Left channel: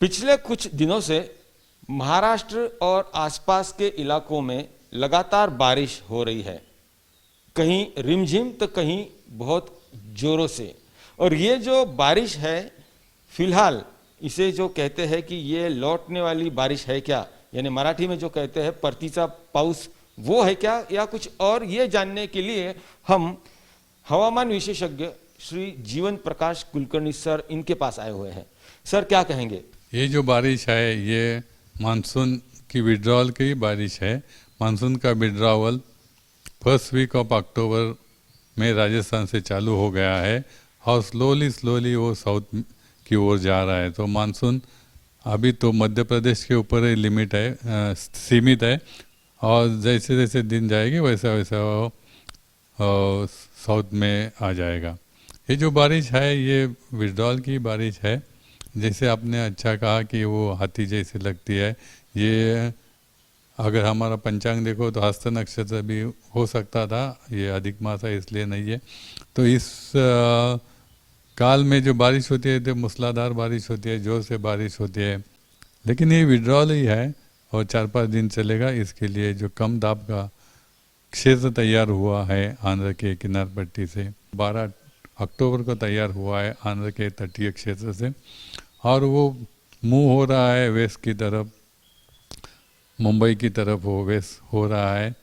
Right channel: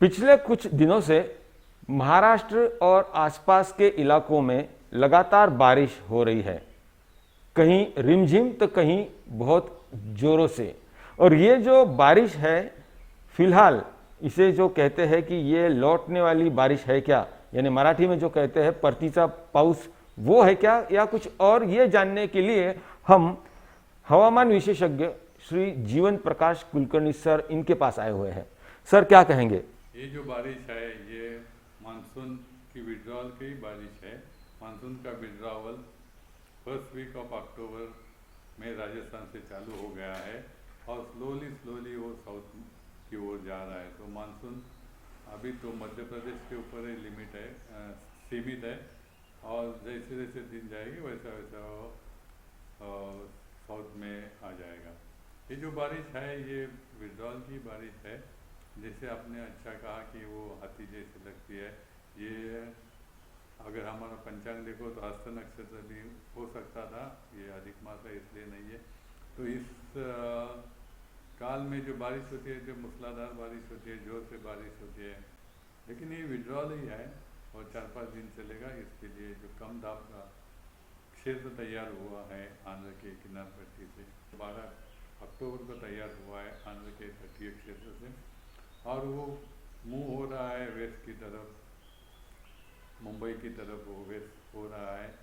पिछले कुछ दिनों से महाराष्ट्र और आसपास के इलाकों में लगातार बारिश हो रही है। कहीं रिमझिम तो कहीं बहुत जोरों से। और ये जो बारिश है, फिलहाल इसे जो कहते हैं कि ये लौटने वाली बारिश है क्या, यानी मराठी में जो कहते हैं परतीचा पाऊस, वो है क्या या कुछ और, ये जानने के लिए हम हवामान विशेषज्ञ श्री जीवन प्रकाश कुलकर्णी सर इनके पास आए हुए हैं। सर क्या कहेंगे? ये जो बारिश है ये मानसून की विड्रॉल की बारिश है। मानसून का withdrawal first week of October में राजस्थान से चालू हो गया है और स्लोली स्लोली वो साउथ की ओर जा रहा है। तो मानसून अभी तो मध्य प्रदेश के ऊपर ही लिमिट है, सीमित है, और जैसे जैसे दिन जाएगी वैसा वैसा वो साउथ में आ जाएगा। ये जो बारिश है ये विड्रॉल की बारिश है। जैसे आपने अच्छा कहा कि वो हाथी जैसी लगती है। ये अगर हमारा पंचांग देखो तो हस्त नक्षत्र भी हो सकता था, ये अधिक मास है इसलिए नहीं है। तो इस काल में जो बारिश होती है तो मूसलाधार बारिश होती है, जोर से बारिश होती है, लेकिन ये विड्रॉल ही है और 4-5 दिन चलेगा। इसके लिए जो कम दाब का क्षेत्र तैयार हुआ है आंध्र के किनार पट्टी से, 12 अक्टूबर को तैयार हुआ है आंध्र के तटीय क्षेत्र से, और वो मूव हो रहा है वेस्ट की तरफ, मुंबई की तरफ वो वेस्ट हो रहा है।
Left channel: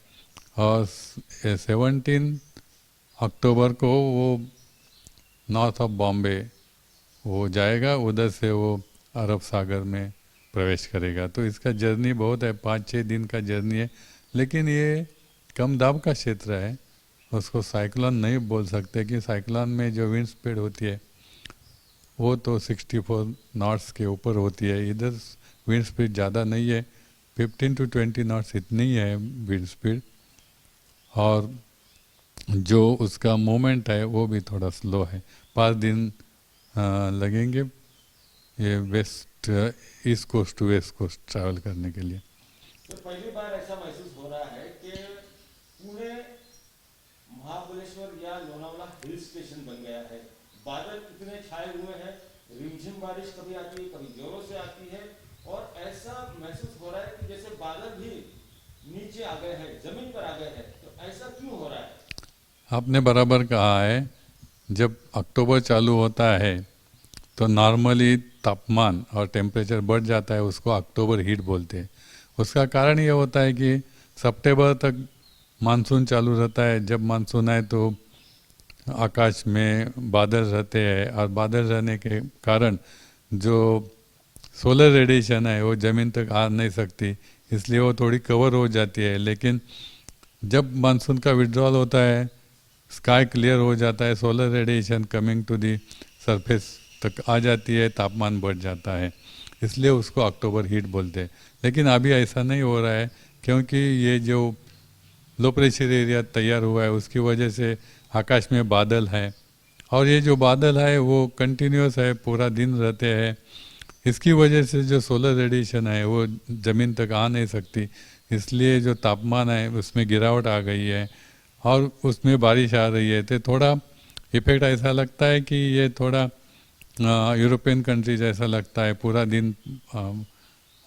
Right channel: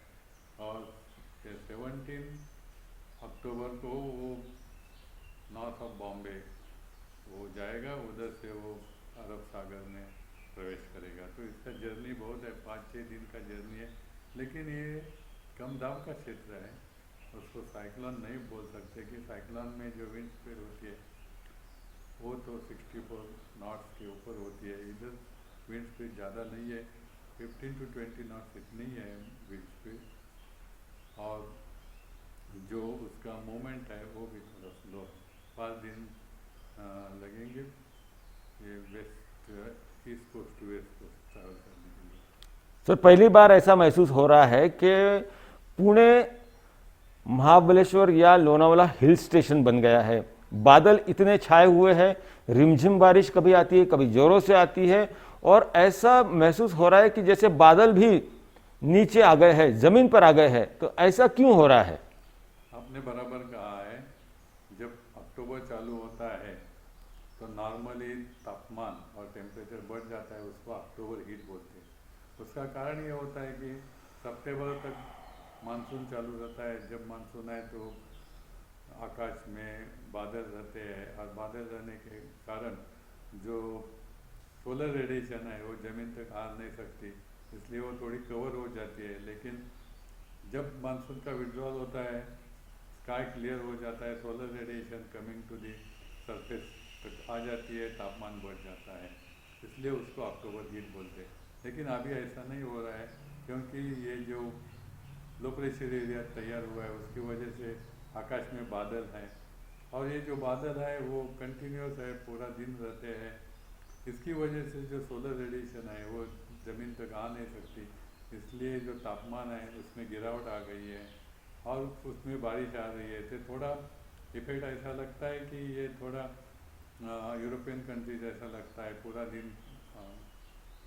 और 17 अक्टूबर को वो नॉर्थ ऑफ बॉम्बे वो जाएगा, उधर से वो अरब सागर में प्रवेश करेगा। तो इसका जर्नी बहुत है, 5-6 दिन का जर्नी है, लेकिन ये कम दाब का क्षेत्र है, उसको साइक्लोन नहीं बोल सकते कि साइक्लोन में जो विंड स्पीड होती है वो तो 64 नॉट्स के ऊपर होती है। इधर विंड स्पीड ज़्यादा नहीं है, 15 to 20 नॉट्स इतनी है विंड स्पीड, और जो उसका मूवमेंट है वो भी थोड़ा स्लो है। 5 दिन लगेंगे ये west east coast to west coast travel करने के लिए। सर पहली बार ऐसा महसूस हो रहा है कि पुणे महाबलेश्वर या लोनावाला हिल स्टेशन बन गया है। बादल इतने छाए हुए हैं, रिमझिम बारिश कभी आती है कभी जोरों से आती है, और ऐसा महसूस हो रहा है कि जैसे बादल भी नीचे आ गए हैं, जमीन पर आ गए हैं। तो ऐसा क्यों हो रहा है? आपने बराबर कहा है। जब अक्टूबर चालू होता है तो नॉर्मली तापमान और टेम्परेचर बढ़ जाता है, उसको अक्टूबर हीट बोलते हैं। उसका कारण ये होता है कि सितंबर तक मानसून चालू रहता है। जब मानसून आए तो आकाश में बादल रहते हैं, और बादल रहने के कारण जो सोलर रेडिएशन है वो ज़मीन तक आ नहीं सकती, इसलिए वो थोड़ी कवर हो जाती है। लेकिन जब मानसून का विड्रॉल होता है, स्काई क्लियर हो जाता है, solar radiation coming to the surface तक आ जाती है, तापमान बढ़ जाता है, इसलिए उसको अक्टूबर हीट बोलते हैं। लेकिन अभी ऐसा नहीं हो रहा है, क्योंकि ये जो लो प्रेशर एरिया तैयार हुआ है उसकी वजह से आकाश में बादल है, और ये जो बादल है वो कंटिन्यूस है, पूरा दिन रहते हैं। इसकी वजह से जो सोलर रेडिएशन है वो ज़मीन तक आ नहीं सकती, इसलिए जो तापमान है उसमें गिरावट आ गई है और उसमें बारिश आ रही है। तो थोड़ा इफेक्ट ऐसा लगता है कि ये थोड़ा यूरोपियन कंट्री जैसा लगता है। पूरा दिन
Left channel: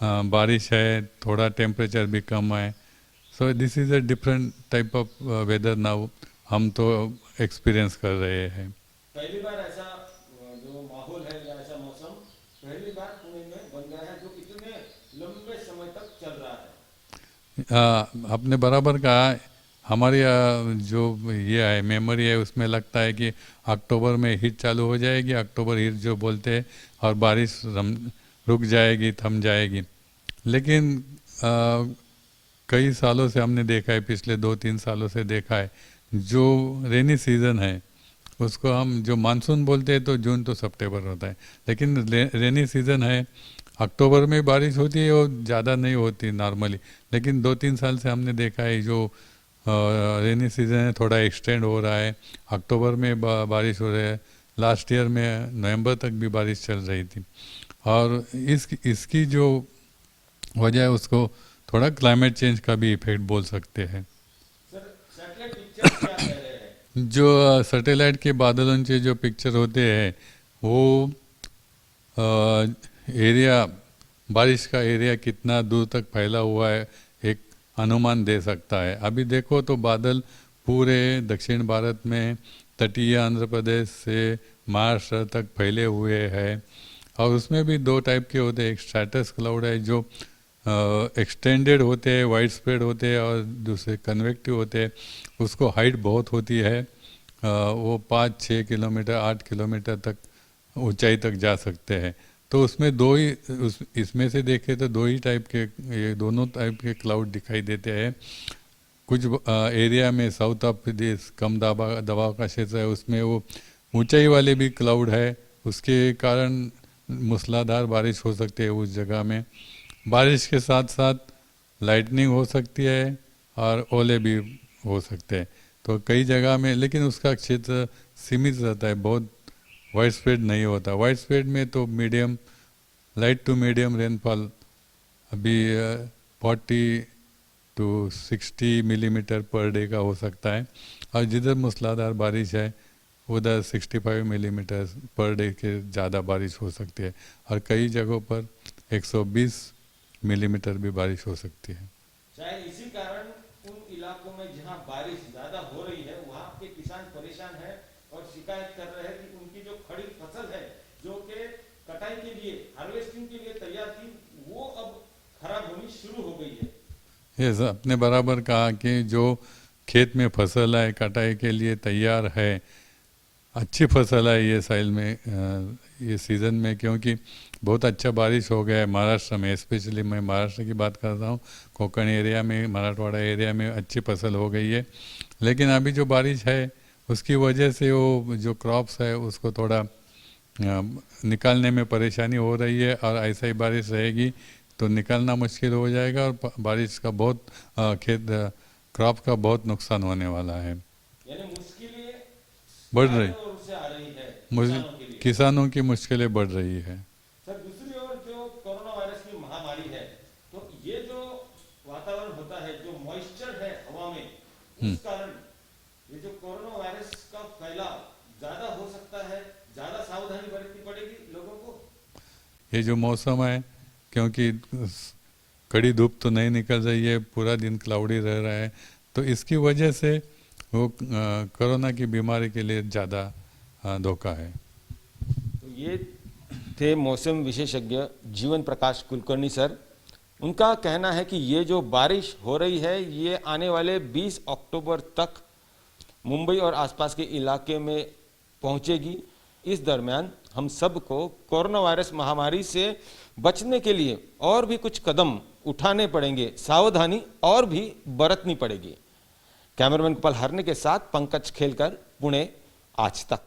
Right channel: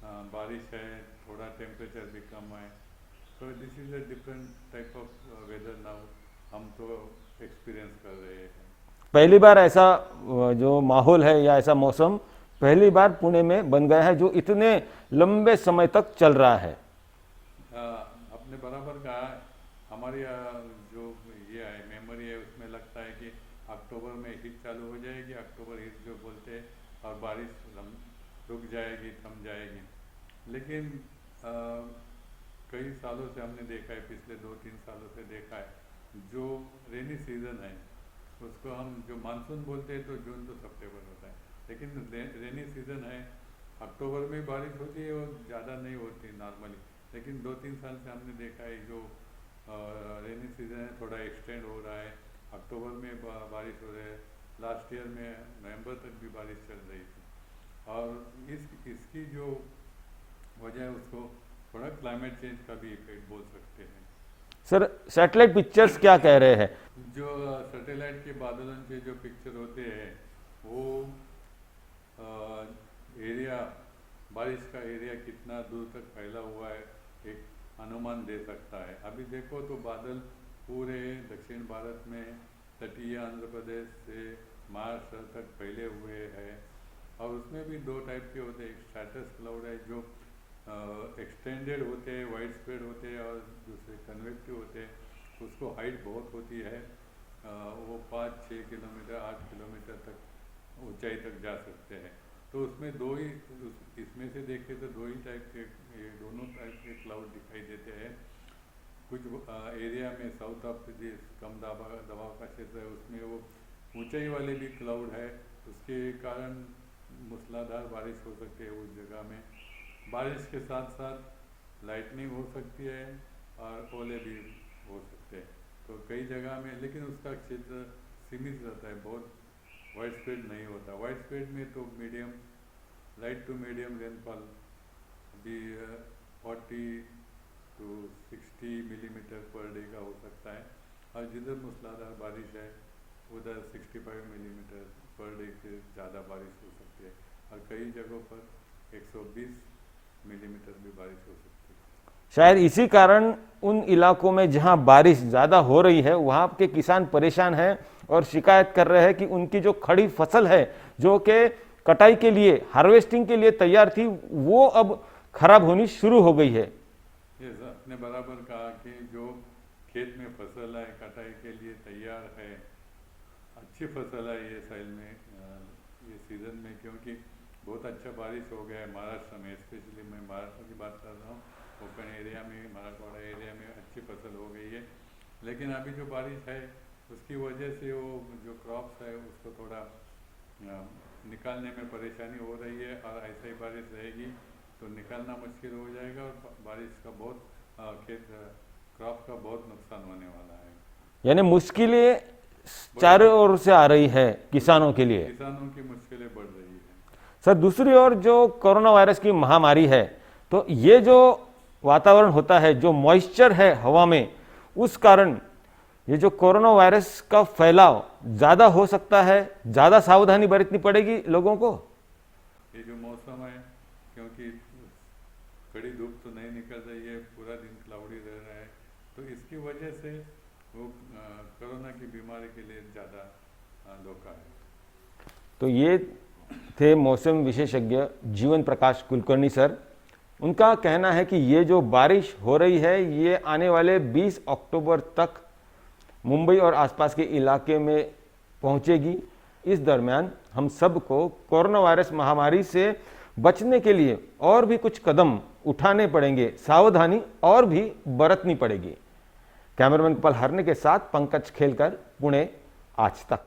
बारिश है, थोड़ा टेम्परेचर भी कम है। So this is a different type of weather now, हम तो एक्सपीरियंस कर रहे हैं। पहली बार ऐसा जो माहौल है या ऐसा मौसम पहली बार पुणे में बन गया है जो इतने लंबे समय तक चल रहा है। आपने बराबर कहा। हमारी जो ये है मेमोरी है उसमें लगता है कि अक्टूबर में हीट चालू हो जाएगी, अक्टूबर हीट जो बोलते हैं, और बारिश रुक जाएगी, थम जाएगी। लेकिन कई सालों से हमने देखा है, पिछले 2-3 सालों से देखा है, जो रेनी सीज़न है उसको हम जो मानसून बोलते हैं तो जून तो सितंबर होता है, लेकिन रेनी सीज़न है, अक्टूबर में बारिश होती है, वो ज़्यादा नहीं होती नॉर्मली। लेकिन 2-3 साल से हमने देखा है जो रेनी सीज़न है थोड़ा एक्सटेंड हो रहा है, अक्टूबर में बारिश हो रही है। लास्ट ईयर में नवंबर तक भी बारिश चल रही थी, और इसकी जो वजह है उसको थोड़ा क्लाइमेट चेंज का भी इफेक्ट बोल सकते हैं। सर सैटेलाइट पिक्चर्स क्या कह रहे हैं? जो सैटेलाइट के बादलों से जो पिक्चर होते हैं वो एरिया, बारिश का एरिया कितना दूर तक फैला हुआ है एक अनुमान दे सकता है। अभी देखो तो बादल पूरे दक्षिण भारत में तटीय आंध्र प्रदेश से महाराष्ट्र तक फैले हुए हैं, और उसमें भी दो टाइप के होते हैं। एक स्ट्रैटस क्लाउड है जो एक्सटेंडेड होते हैं, वाइड स्प्रेड होते हैं, और दूसरे कन्वेक्टिव होते हैं, उसको हाइट बहुत होती है, वो 5-6 किलोमीटर 8 किलोमीटर तक ऊंचाई तक जा सकते हैं। तो उसमें दो ही इसमें से देखें तो दो ही टाइप के, ये दोनों टाइप के क्लाउड दिखाई देते हैं। कुछ एरिया में साउथ ऑफ प्रदेश कम दबाव का क्षेत्र है, उसमें वो ऊंचाई वाले भी क्लाउड है, उसके कारण मूसलाधार बारिश हो सकती है उस जगह में। बारिश के साथ साथ लाइटनिंग हो सकती है और ओले भी हो सकते हैं। तो कई जगह में, लेकिन उसका क्षेत्र सीमित रहता है, बहुत वाइड स्प्रेड नहीं होता। वाइड स्प्रेड में तो medium, light to medium rainfall अभी 40 to 60 मिलीमीटर पर डे का हो सकता है, और जिधर मूसलाधार बारिश है उधर 65 मिलीमीटर पर डे के ज़्यादा बारिश हो सकती है, और कई जगहों पर 120 मिलीमीटर भी बारिश हो सकती है। शायद इसी कारण उन इलाकों में जहां बारिश ज़्यादा हो रही है वहां के किसान परेशान हैं और शिकायत कर रहे हैं कि उनकी जो खड़ी फसल है जो कि कटाई के लिए, हार्वेस्टिंग के लिए तैयार थी, वो अब खराब होनी शुरू हो गई है। ये आपने बराबर कहा कि जो खेत में फसल है कटाई के लिए तैयार है, अच्छी फसल है ये साल में, ये सीज़न में, क्योंकि बहुत अच्छा बारिश हो गया है महाराष्ट्र में। स्पेशली मैं महाराष्ट्र की बात कर रहा हूँ, कोंकण एरिया में, मराठवाड़ा एरिया में अच्छी फसल हो गई है। लेकिन अभी जो बारिश है उसकी वजह से वो जो क्रॉप्स है उसको थोड़ा निकालने में परेशानी हो रही है, और ऐसा ही बारिश रहेगी तो निकालना मुश्किल हो जाएगा, और बारिश का बहुत खेत क्रॉप का बहुत नुकसान होने वाला है। यानी मुश्किलें चारों ओर से आ रही है किसानों के लिए, किसानों की मुश्किलें बढ़ रही है। सर दूसरी ओर जो कोरोना वायरस की महामारी है, तो ये जो वातावरण होता है, जो मॉइस्चर है हवा में, उस कारण ये जो कोरोना वायरस का फैलाव ज्यादा हो सकता है, ज्यादा सावधानी बरतनी पड़ेगी लोगों को। ये जो मौसम है, क्योंकि कड़ी धूप तो नहीं निकल रही है, पूरा दिन क्लाउडी रह रहा है, तो इसकी वजह से वो कोरोना की बीमारी के लिए ज़्यादा धोखा है। तो ये थे मौसम विशेषज्ञ जीवन प्रकाश कुलकर्णी सर। उनका कहना है कि ये जो बारिश हो रही है ये आने वाले 20 अक्टूबर तक मुंबई और आसपास के इलाके में पहुंचेगी। इस दरमियान हम सबको कोरोना वायरस महामारी से बचने के लिए और भी कुछ कदम उठाने पड़ेंगे, सावधानी और भी बरतनी पड़ेगी। कैमरामैन कपल हरने के साथ पंकज खेलकर, पुणे, आज तक।